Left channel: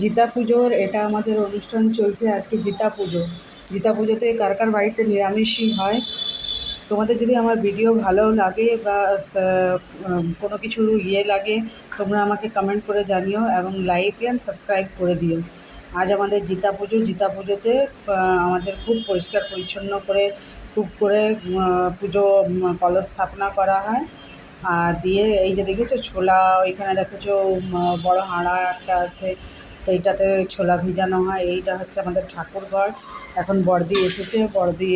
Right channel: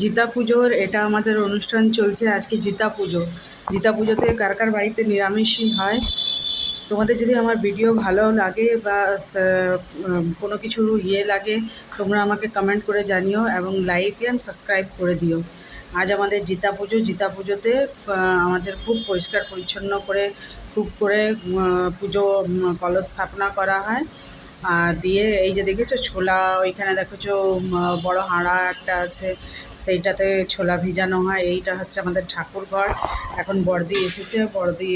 জিতা পুজোর এটা আমাদের অনুষ্ঠান চলছে আজকে। জিতা পুজো, জিতা পুজোতে কার কার বাড়িতে নিরামিষই হয়। তোমাদের যদি আমার ভিডিও ভালো লাগে বা কোনো কিছু লাগে, তোমরা আমাকে কমেন্ট করে জানিও এবং লাইক অ্যান্ড সাবস্ক্রাইব করে দিও। আজ আমাদের জিতা পুজো। জিতা পুজোতে আমাদের খুব পরিষ্কার পরিচ্ছন্ন করে খুব করে পুজো কলস স্থাপনা করা হয়। আর দিয়ে এই যে দেখেছো ছোলা, ওইখানে দেখেছো বড় হাঁড়া একটা আছে, সেইটাতে ছোলা ভিজানো হয়। এইটা হচ্ছে আমাদের ঠাকুর ঘর। এখন বড়দি এসেছে, বড়দি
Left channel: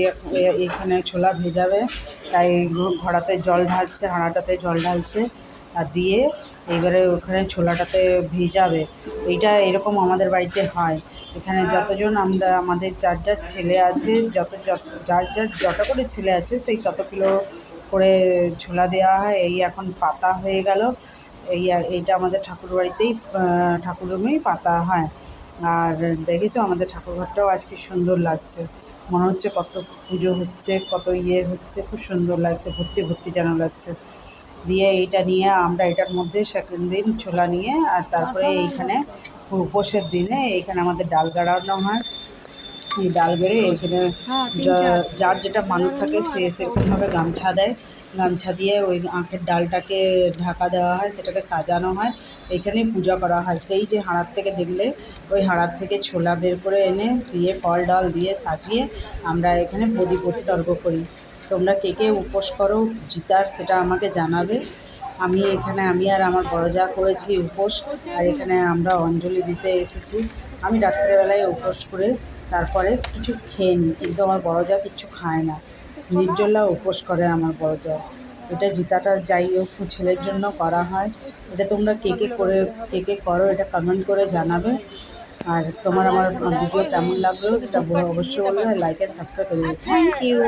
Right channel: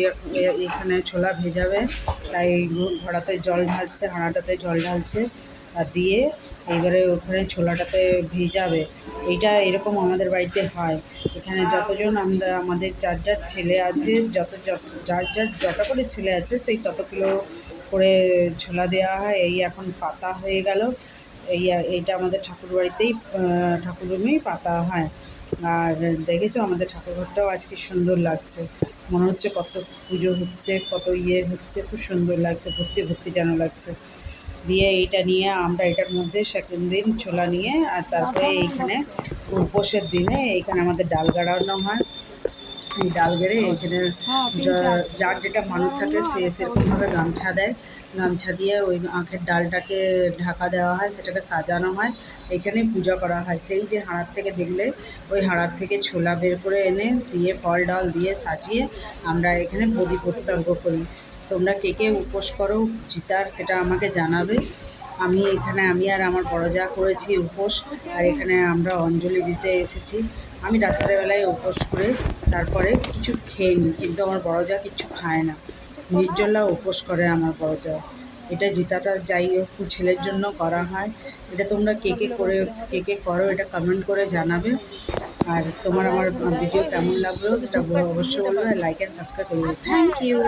এইখানে ছোলা ভেজাবে, তাই ঘড়াতে জল ঢালছে, হাঁড়াটাতে জল ঢালছে আর দিয়ে এইবারে ওখানে ছোলাটাতে ভিজাবে। এইটা এরকম আমাদের বাড়িতে হয়। এখানে যতজন আমরা, আমাদের যার যার ছেলে আছে, যার যার যত করে ছেলে আছে সেই তত কিলো করে ছোলা দেওয়া হয়। এই এখন পাতা হয়ে গেল। এইটা আমাদের ঠাকুরবাড়িতেই, ঠাকুর রুমেই পাতা হয়। আর দেখেছো আমাদের ঠাকুরঘরটাও আজকে সুন্দর লাগছে, মনে হচ্ছে কত পুজো হচ্ছে, কত হচ্ছে, খুব সুন্দর লাগছে, ভর্তি ভর্তি যেন লাগছে। দিয়ে এইটা নিয়ে আমরা এটার মধ্যে সেকেন্ড দিন ছোলা নিয়ে, আর তারপরে এইখানে উপোসের দিনে এইখানে আমাদের ডাল গাড়ানো হয়। এই ডাল বেড়ে এইখানে যার যেটা মানত থাকে সে সেরকমভাবে গামছা দেয়, গামছা দিয়ে ওই আখের ডালটাকে ঢাকা দেওয়া হয়, সেটাকে সাজানো হয়, এইখানেই পূজা করা হয়। সেই যে হাঁড়ার থেকে দেখলে, ওই হাঁড়ার থেকে ছোলা বের করে এনে দিয়ে ফল ডাল দিয়ে সাজিয়ে আমরা এখানে প্রদীপ উৎসর্গ করি। তোমরা কে কে উপোস করো জিতার সেটা আমাকে জানাবে। আমি আর আমার বড় যা করেছি উপোস, আর এখানে আমরা অঞ্জলি দিতে এসেছি। আমি রাত্রেবেলায় উপোস করে তারপরে কিছু খেয়ে নিই, কিন্তু আমার বড় যা কিচ্ছু খায় না, নির্জলা উপোস করে আমার বড় যা। এটা জিতাটা যাই হোক ছেলের জন্য করা হয়। এটা তোমরা কে কে করো এটা কমেন্ট করে জানাবে। আর তোমার আমার ভিডিও কেমন লাগলো সেটা অবশ্যই বলবে, লাইক অ্যান্ড সাবস্ক্রাইব করে দেবে। Thank you.